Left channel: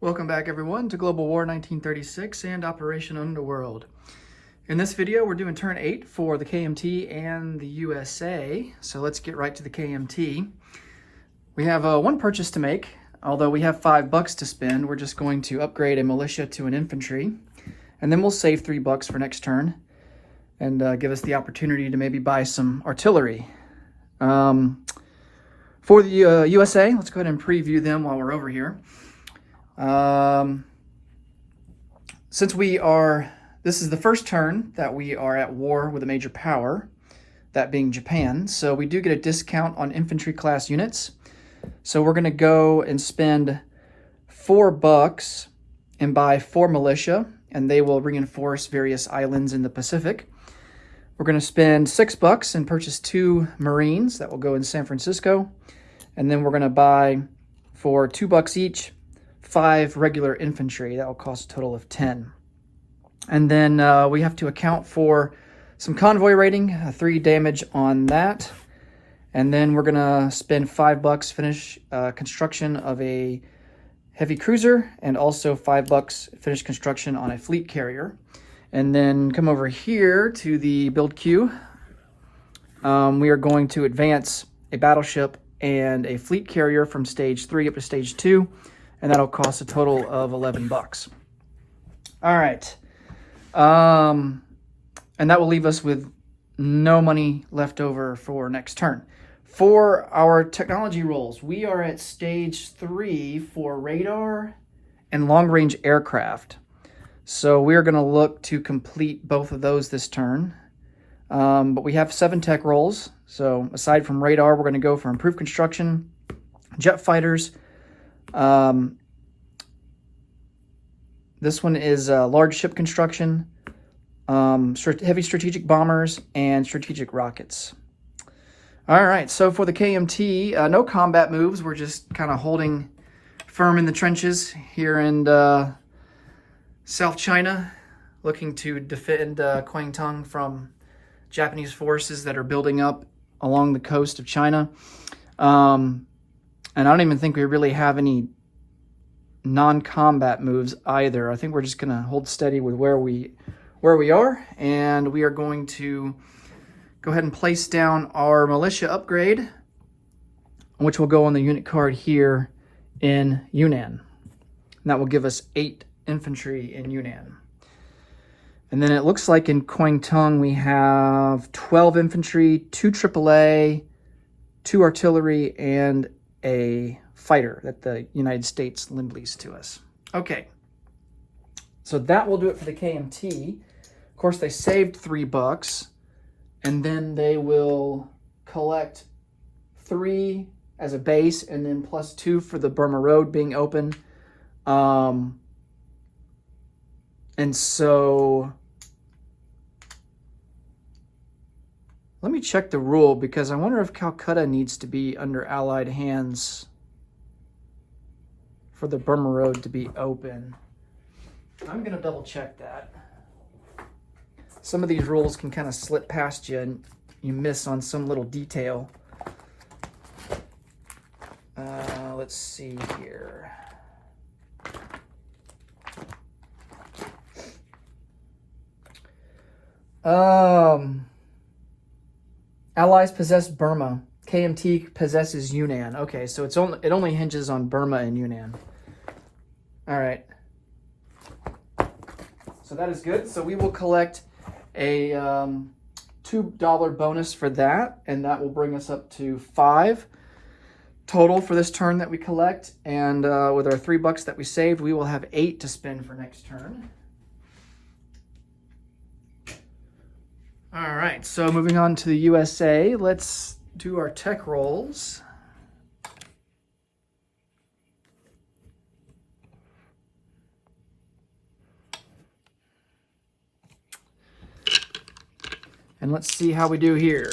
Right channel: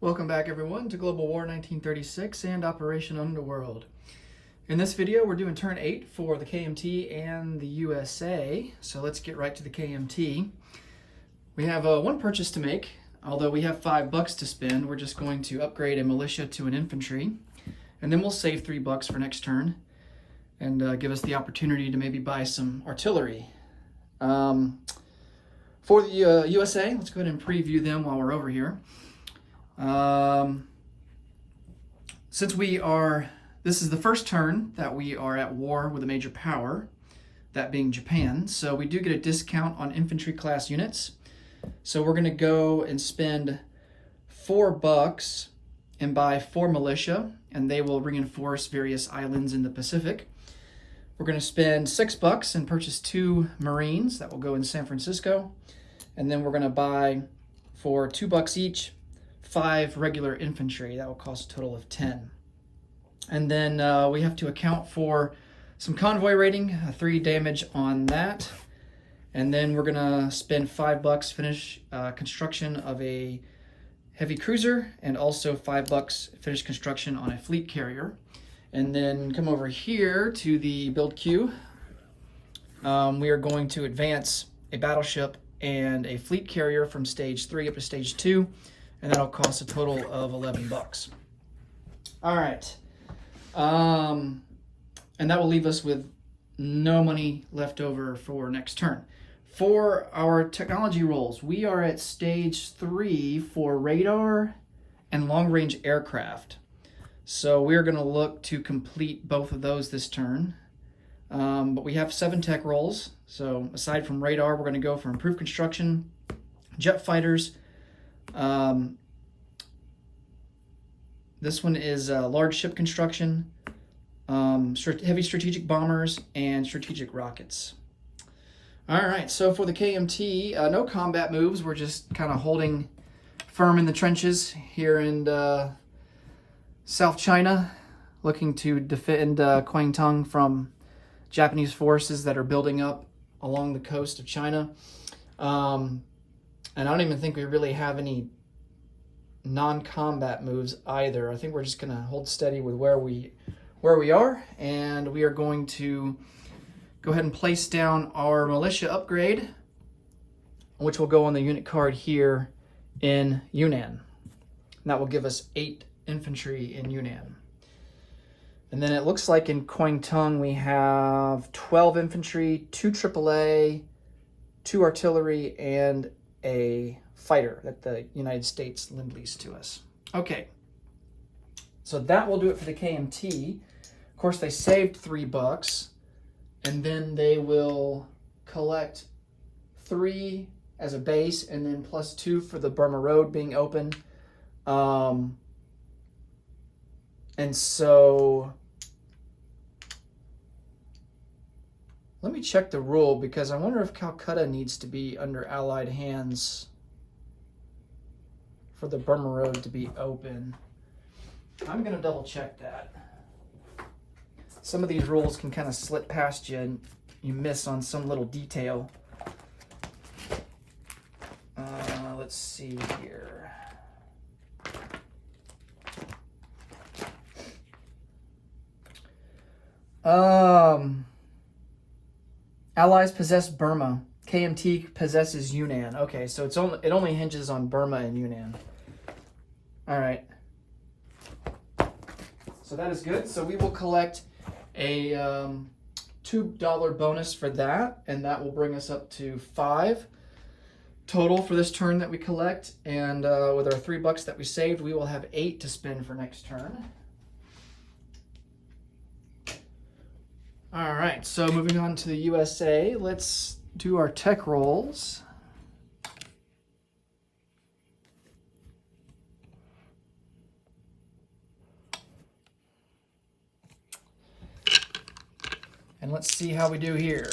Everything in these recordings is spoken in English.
Welcome back everyone to Global War 1936 and Operation Underworld. In this video we're doing turn 8 for the KMT and the USA, so let's get right to the KMT. We have one purchase to make. Although we have $5 to spend, we're just going to upgrade a militia to an infantry, and then we'll save $3 for next turn and give us the opportunity to maybe buy some artillery. For the USA, let's go ahead and preview them while we're over here. Since this is the first turn that we are at war with a major power, that being Japan, so we do get a discount on infantry class units. So we're going to go and spend $4 and buy 4 militia, and they will reinforce various islands in the Pacific. We're going to spend $6 and purchase 2 Marines that will go in San Francisco. And then we're going to buy, for $2 each, 5 regular infantry. That will cost a total of 10. And then we have to account for some convoy rating, 3 damage on that. And then we're going to spend $5, finish construction of a heavy cruiser, and also $5 finish construction on a fleet carrier. And then come over here to the build queue. We are going to advance a battleship and a fleet carrier from stage 3 up to stage 2, and that'll cost a total of $11. All right. And that will leave us with no money left over for next turn. For our technology rolls, we are at stage 3 for radar and long-range aircraft. So we're going to look to complete both of those this turn. But we have 7 tech rolls. So aside from radar, we're going to go for improved construction, jet fighters. This one is large ship construction, heavy strategic bombers, and strategic rockets. All right, so for the KMT, no combat moves. We're just kind of holding firm in the trenches here in South China, looking to defend Kwangtung from Japanese forces that are building up along the coast of China. And I don't even think we really have any non-combat moves either. I think we're just going to hold steady with where we are, and we are going to go ahead and place down our militia upgrade, which will go on the unit card here in Yunnan. And that will give us 8 infantry in Yunnan. And then it looks like in Kwangtung we have 12 infantry, 2 AAA, 2 artillery, and a fighter that the United States lend-leased to us. Okay, so that will do it for the KMT. Of course, they saved $3, and then they will collect 3 as a base, and then plus 2 for the Burma Road being open. And so let me check the rule, because I wonder if Calcutta needs to be under Allied hands for the Burma Road to be open. I'm going to double check that. Some of these rules can kind of slip past you and you miss on some little detail. Let's see here. Allies possess Burma. KMT possesses Yunnan. Okay, so it only hinges on Burma and Yunnan. All right. So that is good. So we will collect a $2 bonus for that, and that will bring us up to 5 total for this turn that we collect. And with our $3 that we saved, we will have 8 to spend for next turn. All right, so moving on to the USA, let's do our tech rolls. And let's see how we do here.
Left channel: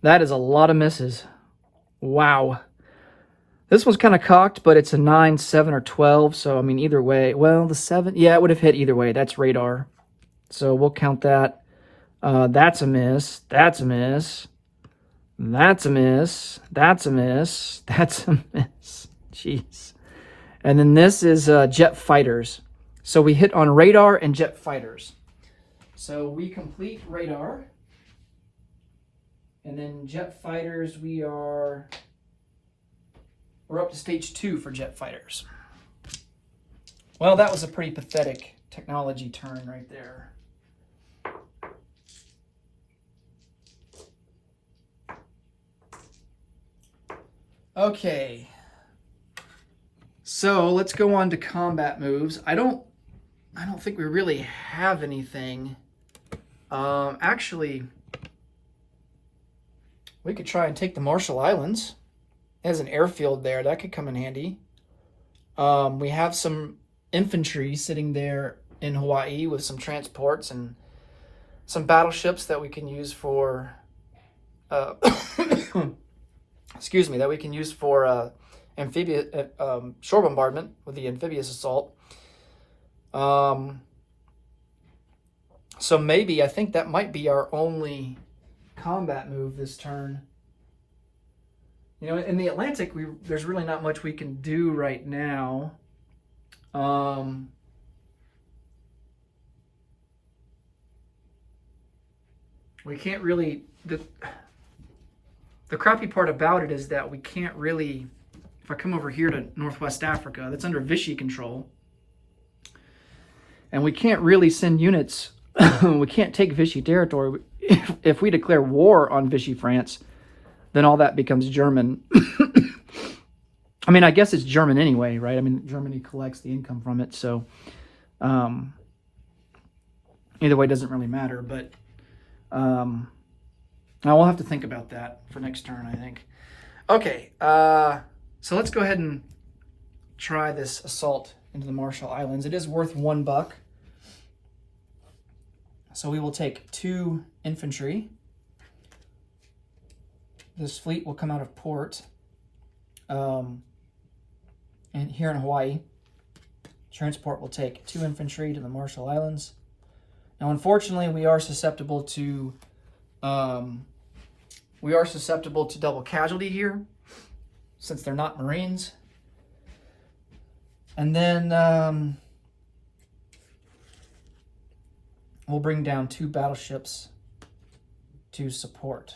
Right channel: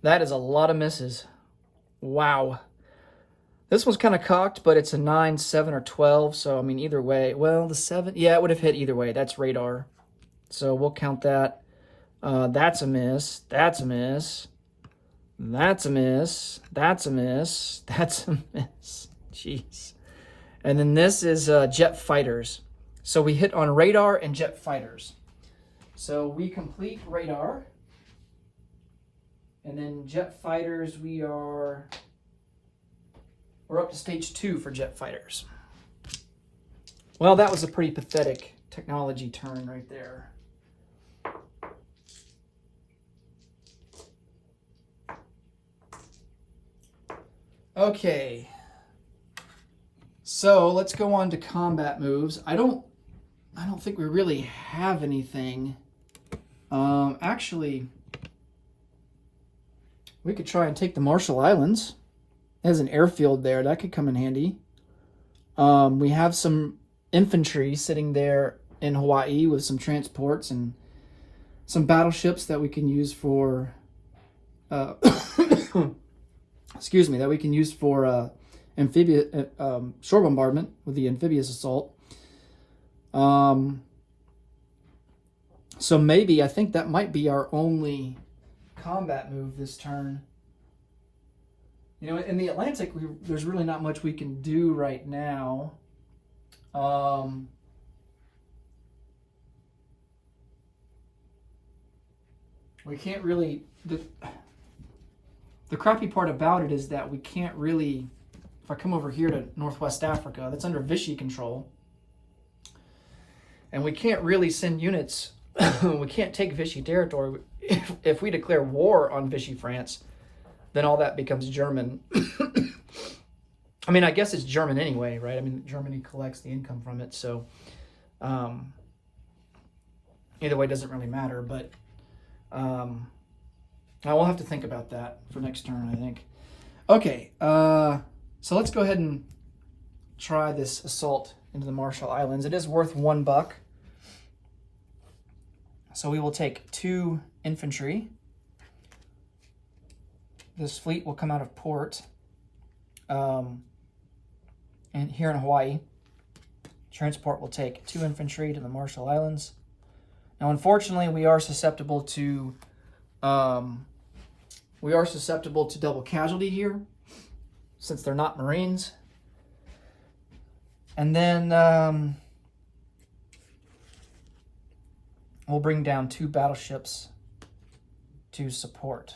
That is a lot of misses. Wow. This one's kind of cocked, but it's a 9, 7, or 12. So, I mean, either way. Well, the 7, yeah, it would have hit either way. That's radar. So we'll count that. That's a miss. That's a miss. That's a miss. That's a miss. That's a miss. Jeez. And then this is jet fighters. So we hit on radar and jet fighters. So we complete radar. And then jet fighters, we're up to stage 2 for jet fighters. Well, that was a pretty pathetic technology turn right there. Okay. So let's go on to combat moves. I don't think we really have anything. Actually, we could try and take the Marshall Islands. It has an airfield there. That could come in handy. We have some infantry sitting there in Hawaii with some transports and some battleships that we can use for excuse me, that we can use for amphibious shore bombardment with the amphibious assault. So maybe I think that might be our only combat move this turn. You know, in the Atlantic, there's really not much we can do right now. We can't really... The crappy part about it is that we can't really... If I come over here to Northwest Africa, that's under Vichy control. And we can't really send units... we can't take Vichy territory. If we declare war on Vichy France, then all that becomes German. I mean, I guess it's German anyway, right? I mean, Germany collects the income from it, so either way, it doesn't really matter. But I will have to think about that for next turn, I think. Okay, so let's go ahead and try this assault into the Marshall Islands. It is worth $1. So we will take 2 infantry. This fleet will come out of port and here in Hawaii. Transport will take 2 infantry to the Marshall Islands. Now, unfortunately, we are susceptible to double casualty here, since they're not Marines. And then we'll bring down 2 battleships to support.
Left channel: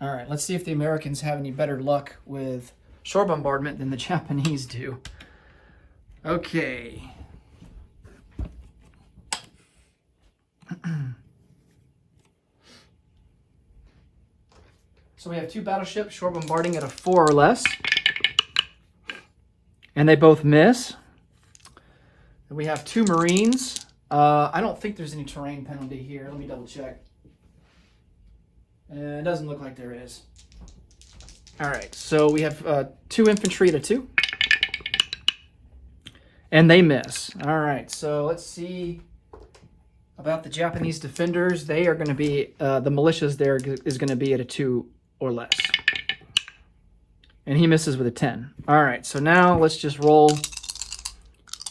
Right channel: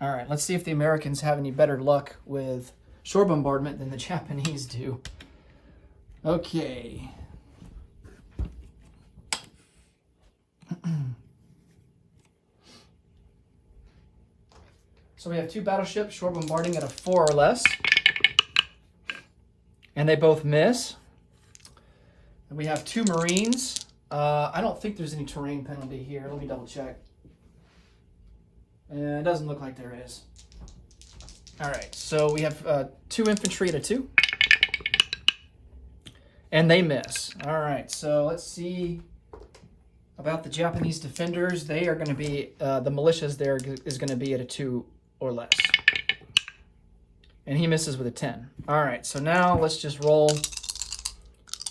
All right, let's see if the Americans have any better luck with shore bombardment than the Japanese do. Okay. So we have 2 battleships shore bombarding at a 4 or less. And they both miss. And we have 2 Marines. I don't think there's any terrain penalty here. Let me double check. It doesn't look like there is. All right, so we have 2 infantry at a 2. And they miss. All right, so let's see about the Japanese defenders. They are going to be, the militias there is going to be at a 2 or less. And he misses with a 10. All right, so now let's just roll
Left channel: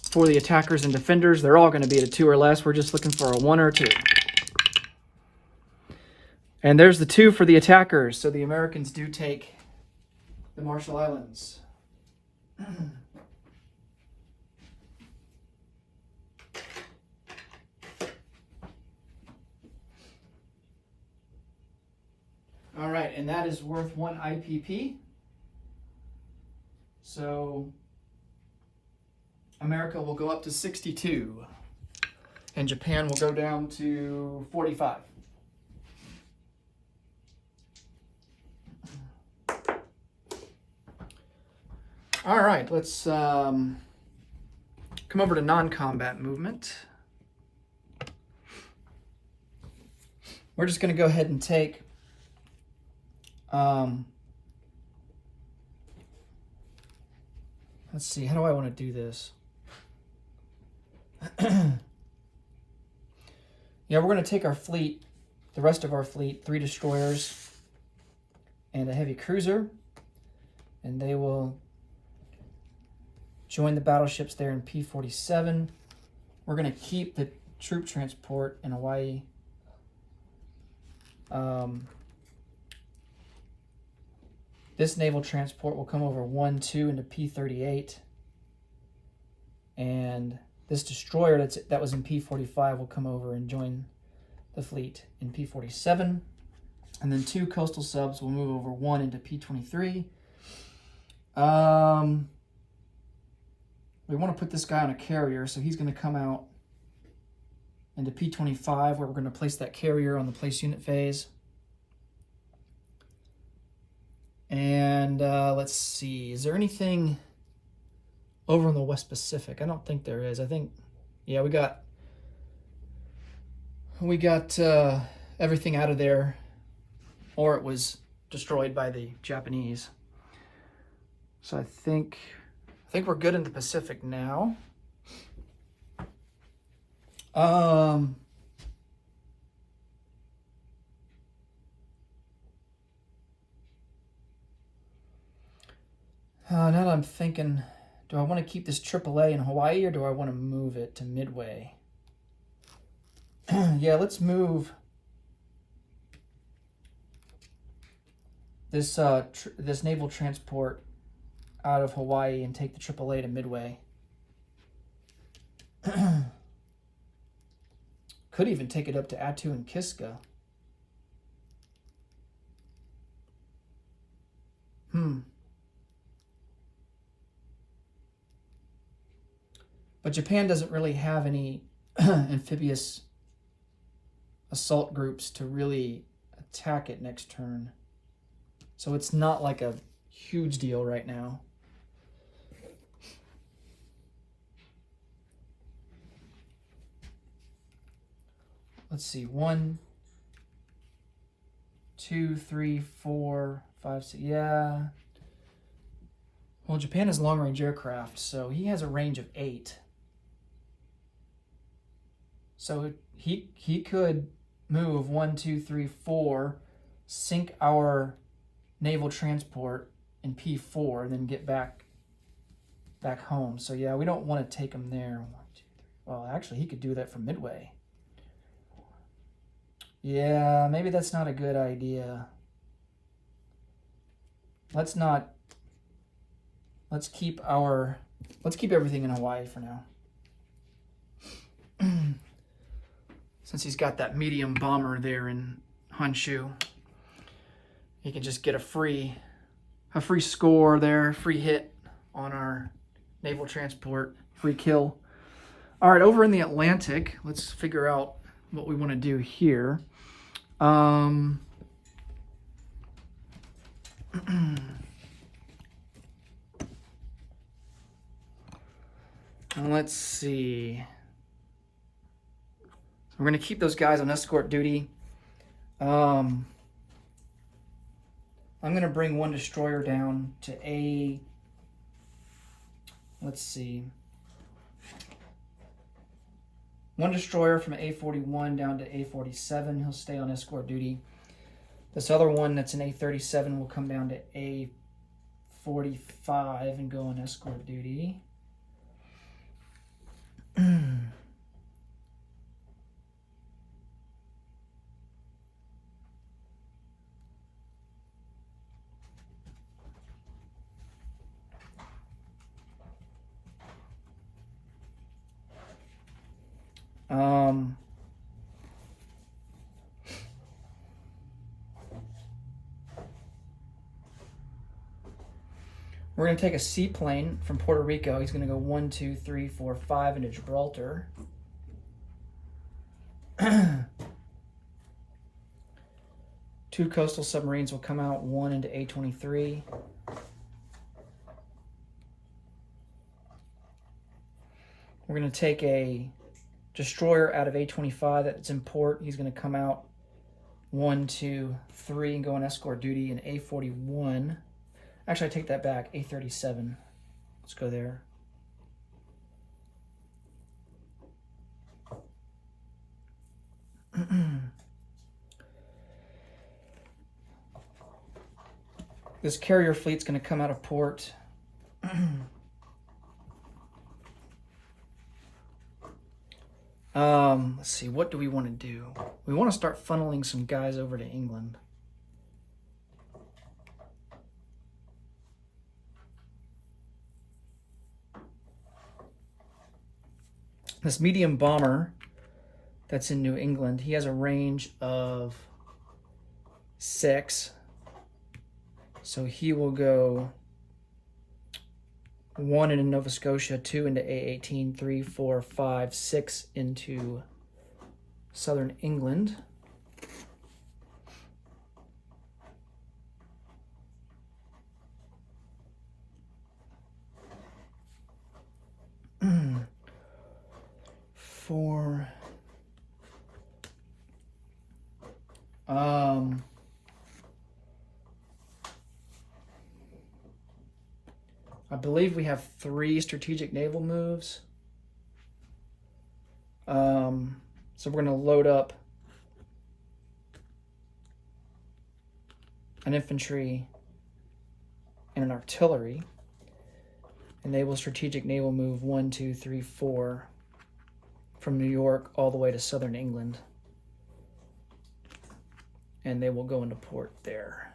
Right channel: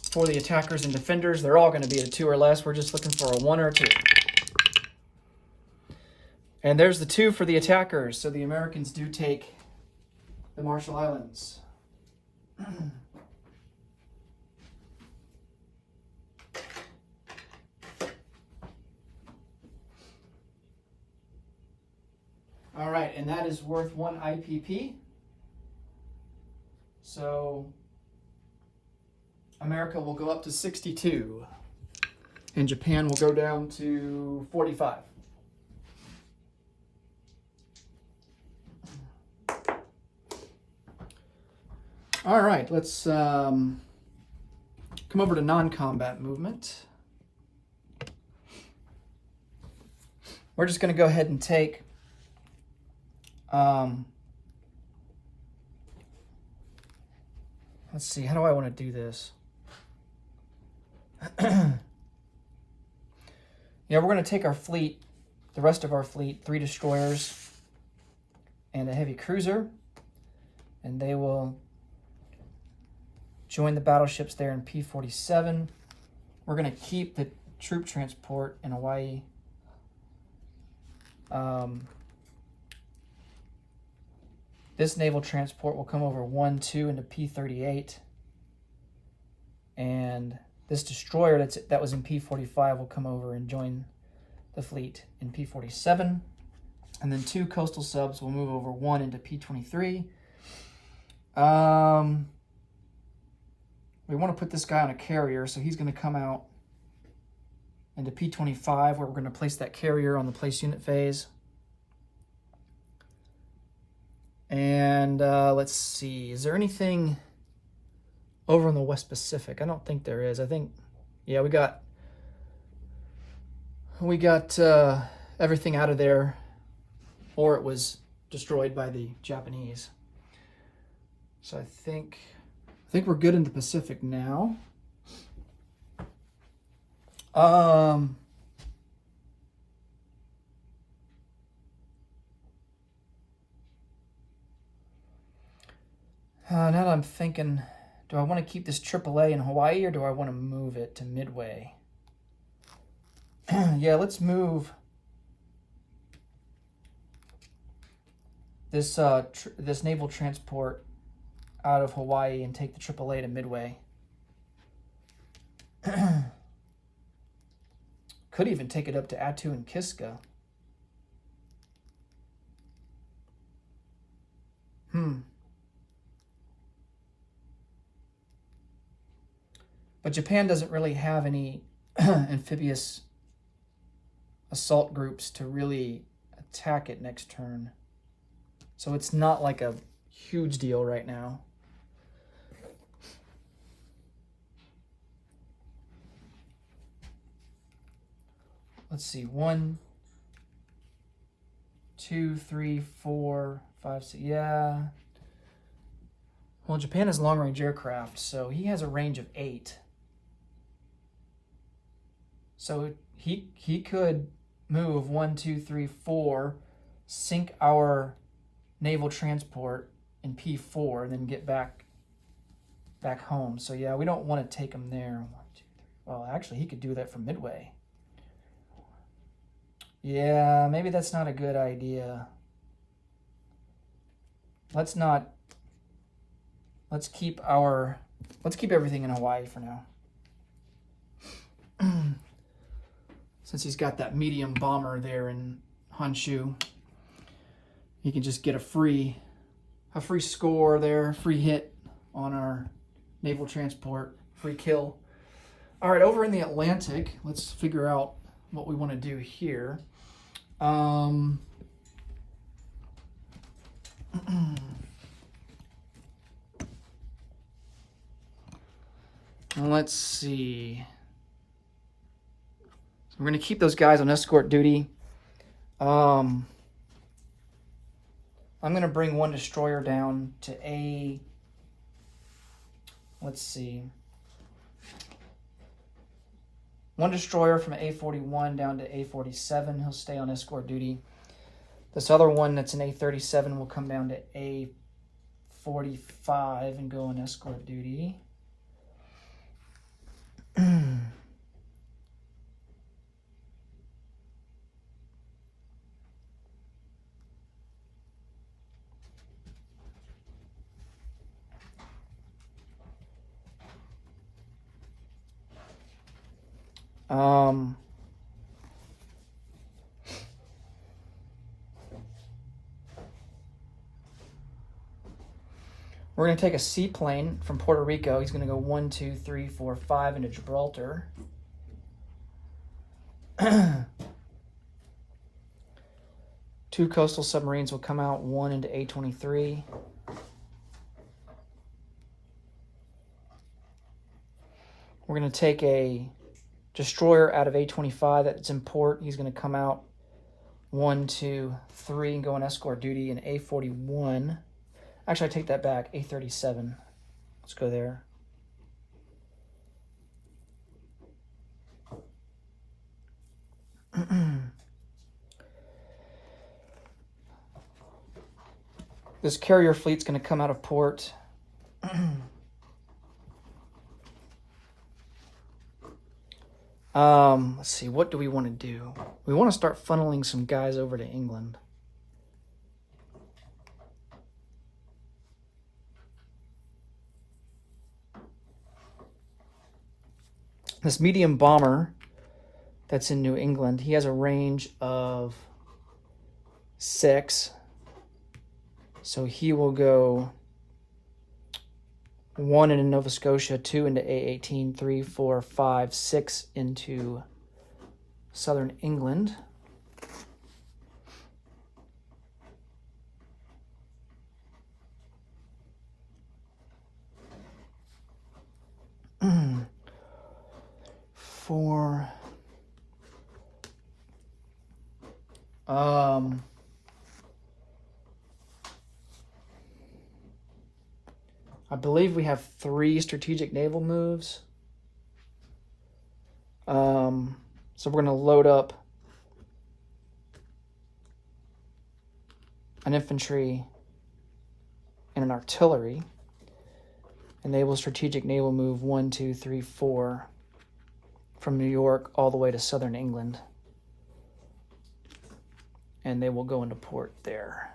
for the attackers and defenders. They're all going to be at a 2 or less. We're just looking for a 1 or a 2. And there's the 2 for the attackers. So the Americans do take the Marshall Islands. All right, and that is worth 1 IPP. So America will go up to 62, and Japan will go down to 45. All right, let's come over to non-combat movement. We're just going to go ahead and take let's see, how do I want to do this? Yeah, we're going to take our fleet, the rest of our fleet, 3 destroyers and a heavy cruiser, and they will join the battleships there in P-47. We're going to keep the troop transport in Hawaii. This naval transport will come over 1-2 into P-38. And this destroyer that was in P-45 will come over and join the fleet in P-47. And then 2 coastal subs will move over 1 into P-23. We want to put this guy on a carrier, so he's going to come out into P-25, where we're going to place that carrier on the place unit phase. And let's see, is there anything over in the West Pacific? I don't think there is. I think, yeah, we got everything out of there, or it was destroyed by the Japanese. So I think we're good in the Pacific now. Now that I'm thinking, do I want to keep this AAA in Hawaii, or do I want to move it to Midway? Yeah, let's move this this naval transport out of Hawaii and take the AAA to Midway. Could even take it up to Attu and Kiska. But Japan doesn't really have any amphibious assault groups to really attack it next turn. So it's not like a huge deal right now. Let's see, 1, 2, 3, 4, 5, 6, yeah. Well, Japan has long-range aircraft, so he has a range of 8. So he could move 1, 2, 3, 4, sink our naval transport in P4, and then get back home. So yeah, we don't want to take him there. 1, 2, 3. Well, actually, he could do that from Midway. Yeah, maybe that's not a good idea. Let's keep everything in Hawaii for now. Since he's got that medium bomber there in Honshu, he can just get a free score there, free hit on our naval transport, free kill. All right, over in the Atlantic, let's figure out what we want to do here. Let's see. So we're going to keep those guys on escort duty. I'm going to bring 1 destroyer down to A. Let's see. 1 destroyer from A41 down to A47. He'll stay on escort duty. This other one that's an A37 will come down to A45 and go on escort duty. We're going to take a seaplane from Puerto Rico. He's going to go 1, 2, 3, 4, 5 into Gibraltar. 2 coastal submarines will come out, 1 into A23. We're going to take a destroyer out of A25 that's in port. He's going to come out 1, 2, 3 and go on escort duty in A41. Actually, I take that back. A37. Let's go there. This carrier fleet's going to come out of port. Let's see, what do we want to do? We want to start funneling some guys over to England. This medium bomber that's in New England, he has a range of 6. So he will go 1 into Nova Scotia, 2 into A18, 3, 4, 5, 6 into southern England. For I believe we have 3 strategic naval moves. So we're going to load up an infantry and an artillery. And they will strategic naval move 1, 2, 3, 4 from New York all the way to southern England. And they will go into port there.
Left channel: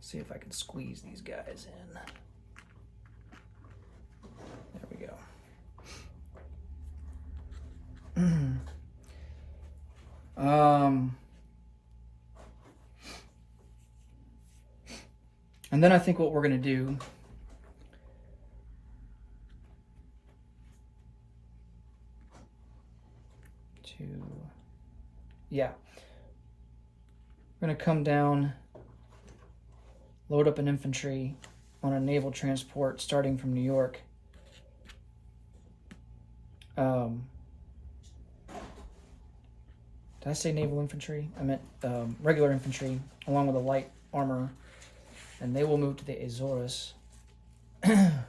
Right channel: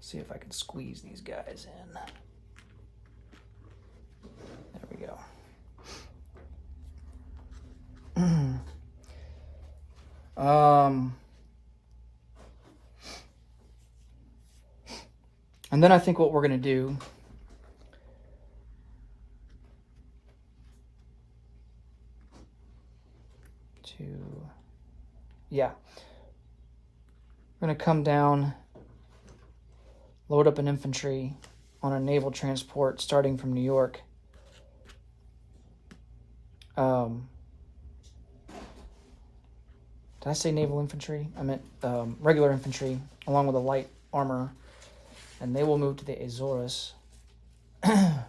See if I can squeeze these guys in. There we go. And then I think what we're going to do we're going to come down, load up an infantry on a naval transport starting from New York. Did I say naval infantry? I meant regular infantry along with a light armor, and they will move to the Azores. And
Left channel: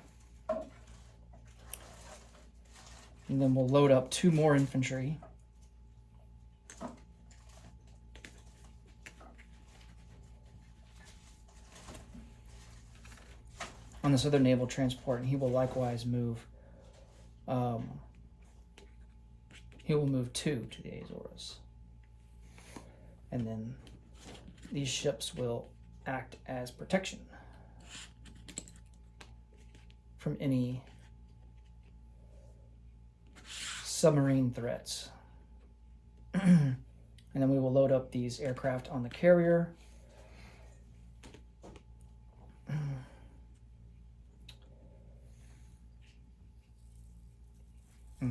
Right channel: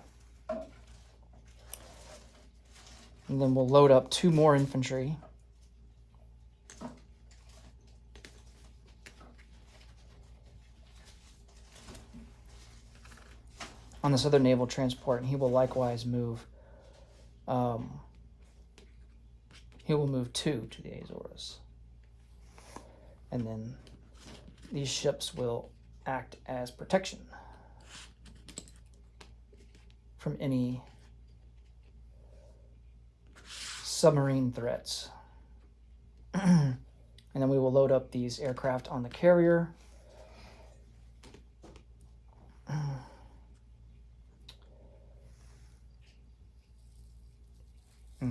then we'll load up 2 more infantry. On this other naval transport, and he will likewise move. He will move 2 to the Azores. And then these ships will act as protection from any submarine threats. And then we will load up these aircraft on the carrier.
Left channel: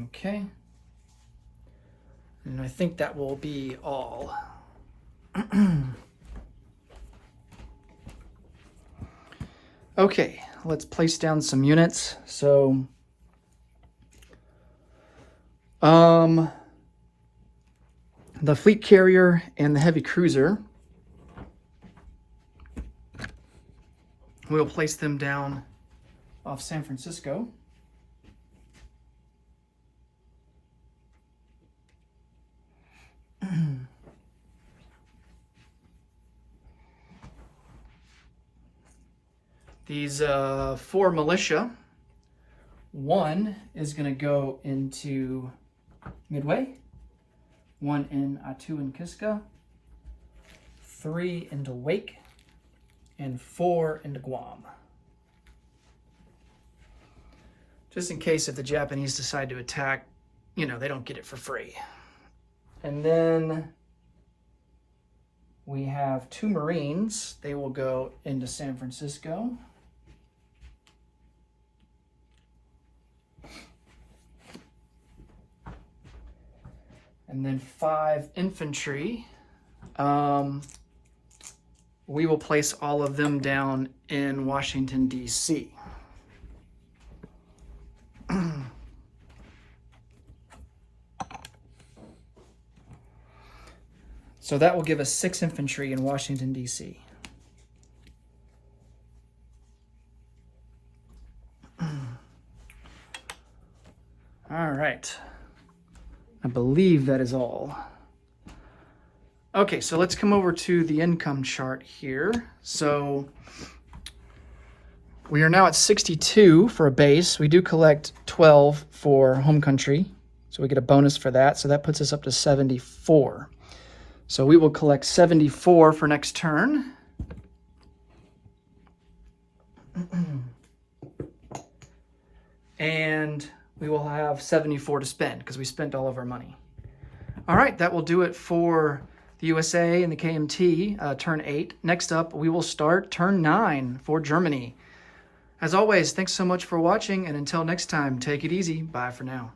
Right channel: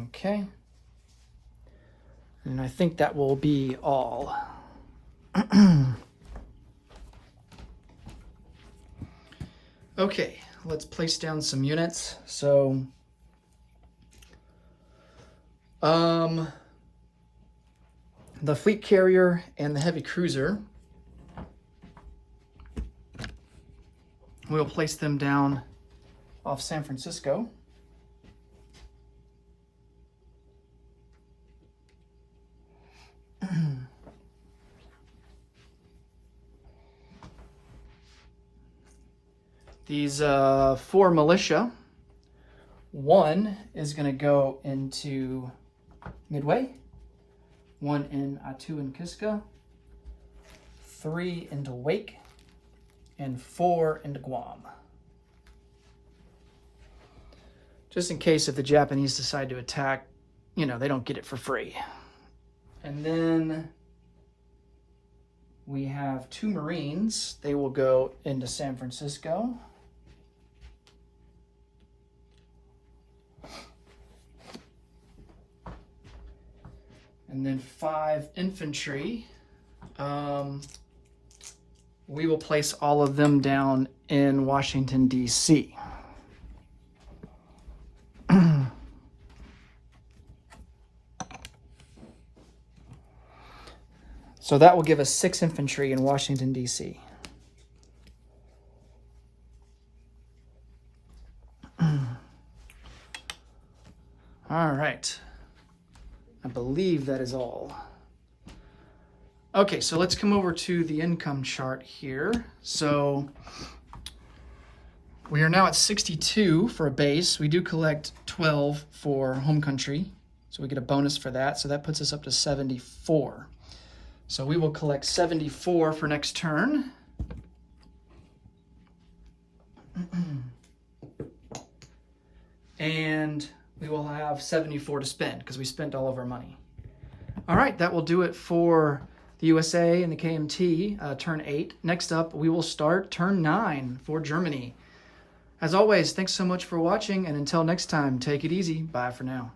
Okay. And I think that will be all. Okay, let's place down some units. So, the fleet carrier and the heavy cruiser, we'll place them down off San Francisco. These 4 militia, 1 is going to go into Midway, 1 in Attu and Kiska, 3 into Wake, and 4 into Guam. Just in case if the Japanese decide to attack, you know, they don't get it for free. And then we have 2 Marines. They will go into San Francisco. And then 5 infantry. We will place all of them down in Washington, D.C. So that will give us 6 infantry in Washington, D.C. All right. I believe that is all. Okay, so let's come over to the income chart here. So We are now at 62 for a base. We do collect 12 for home country, so we get a bonus for that. So that puts us up to 74. So we will collect 74 for next turn. And we will have 74 to spend because we spent all of our money. All right, that will do it for the USA and the KMT, turn 8. Next up, we will start turn 9 for Germany. As always, thanks so much for watching, and until next time, take it easy. Bye for now.